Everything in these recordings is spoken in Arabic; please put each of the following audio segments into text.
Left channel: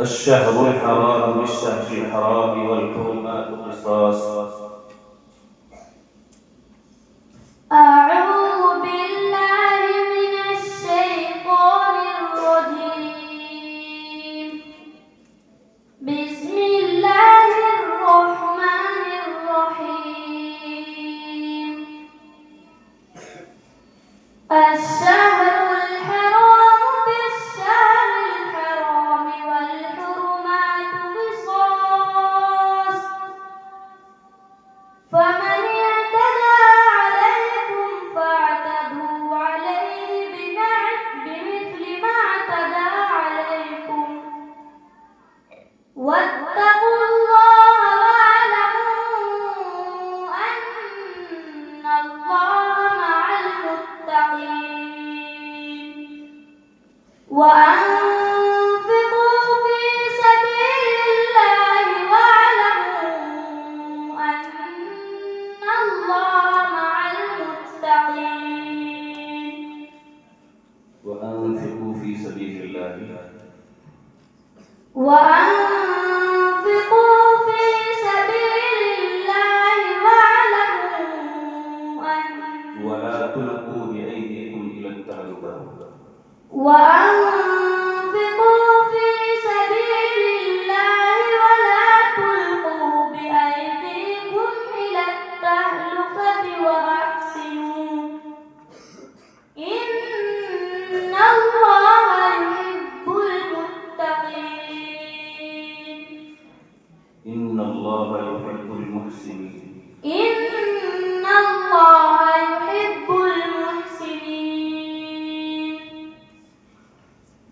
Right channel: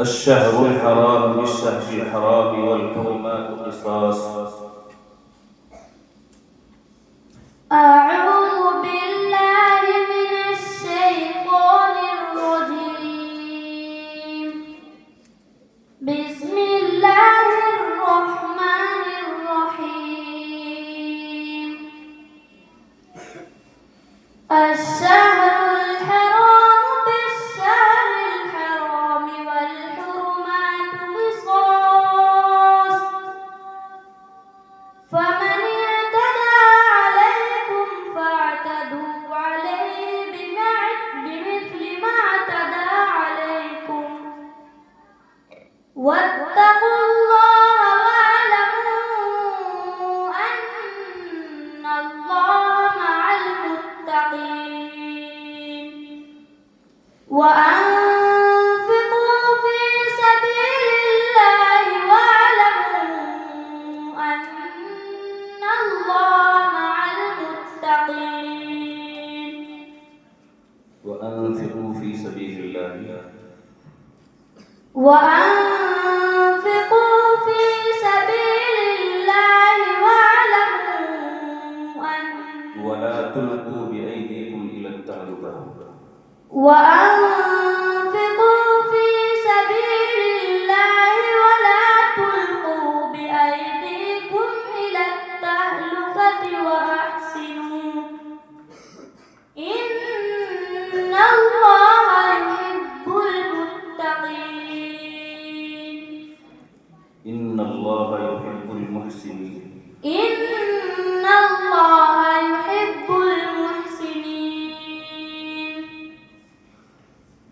الشهر الحرام بالشهر الحرام والحرمات قصاص. أعوذ بالله من الشيطان الرجيم. بسم الله الرحمن الرحيم. الشهر الحرام بالشهر الحرام والحرمات قصاص، فمن اعتدى عليكم فاعتدوا عليه بمثل ما اعتدى عليكم، واتقوا الله واعلموا أن الله مع المتقين. وأنفقوا في سبيل الله واعلموا أن الله مع المتقين. وأنفقوا في سبيل الله ولا تلقوا بأيديكم إلى التهلكة. وأنفقوا في سبيل الله ولا تلقوا بأيديكم إلى التهلكة وأحسنوا إن الله يحب المتقين. إن الله يحب المحسنين. إن الله يحب المحسنين.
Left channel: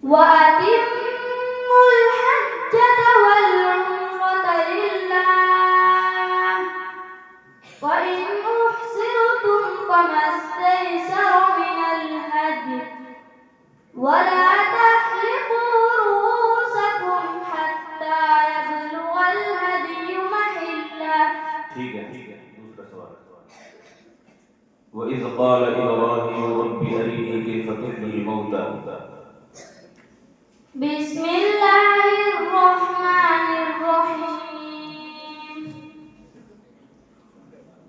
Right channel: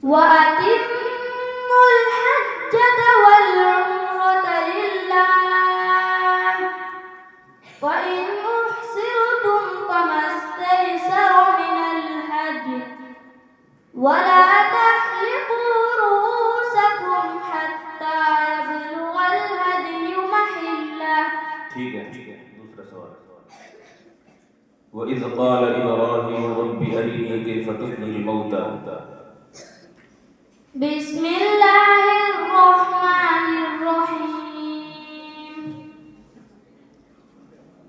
وأتموا الحجة والعمرة لله، وإن أحصرتم فما استيسر من الهدي، ولا تحلقوا رؤوسكم حتى يبلغ الهدي محله. وإذ قال إبراهيم رب أرني كيف تحيي الموتى. بسم الله الرحمن الرحيم.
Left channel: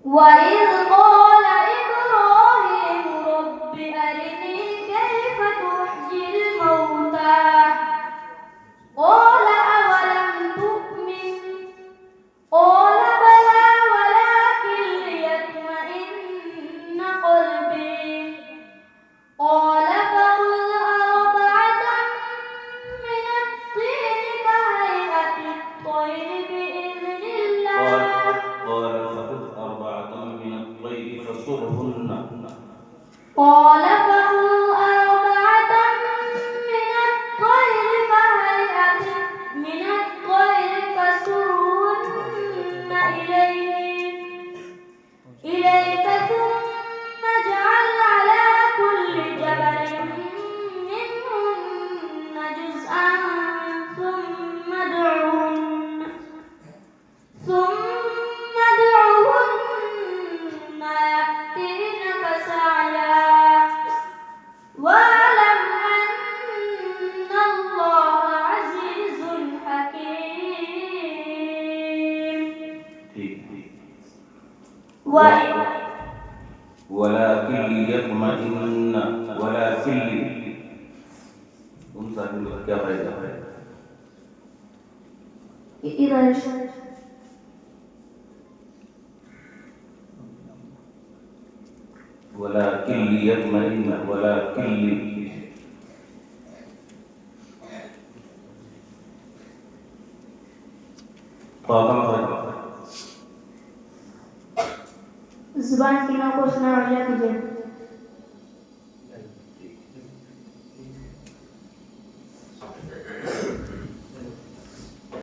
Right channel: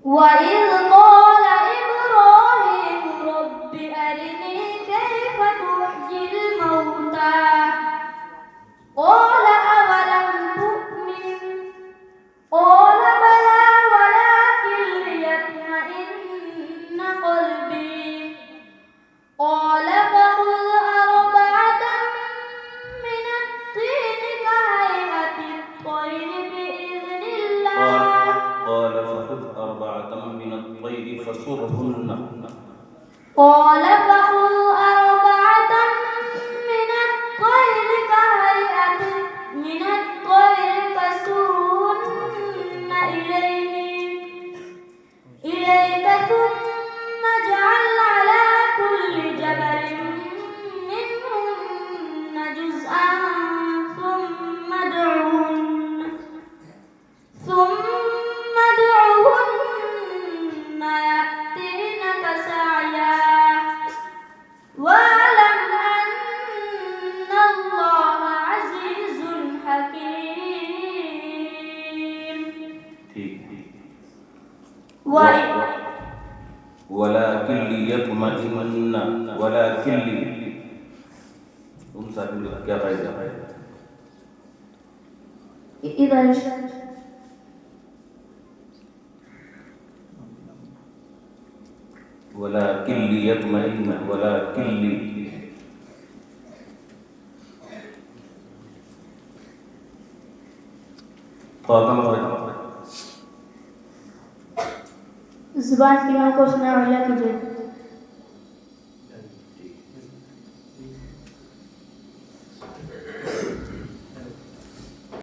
وإذ قال إبراهيم رب أرني كيف تحيي الموتى، قال أولم تؤمن، قال بلى ولكن ليطمئن قلبي، قال فخذ أربعة من الطين كهيئة الطير بإذن الله. قال فخذ أربعة من الطير فصرهن. قال فخذ أربعة من الطير كهيئة من الطير فصرهن إليك ثم اجعل على كل جبل منهن جزءا ثم ادعهن يأتينك سعيا، واعلم أن الله عزيز حكيم. ولكن ليطمئن जुबान की को सुना वाला कीजिए।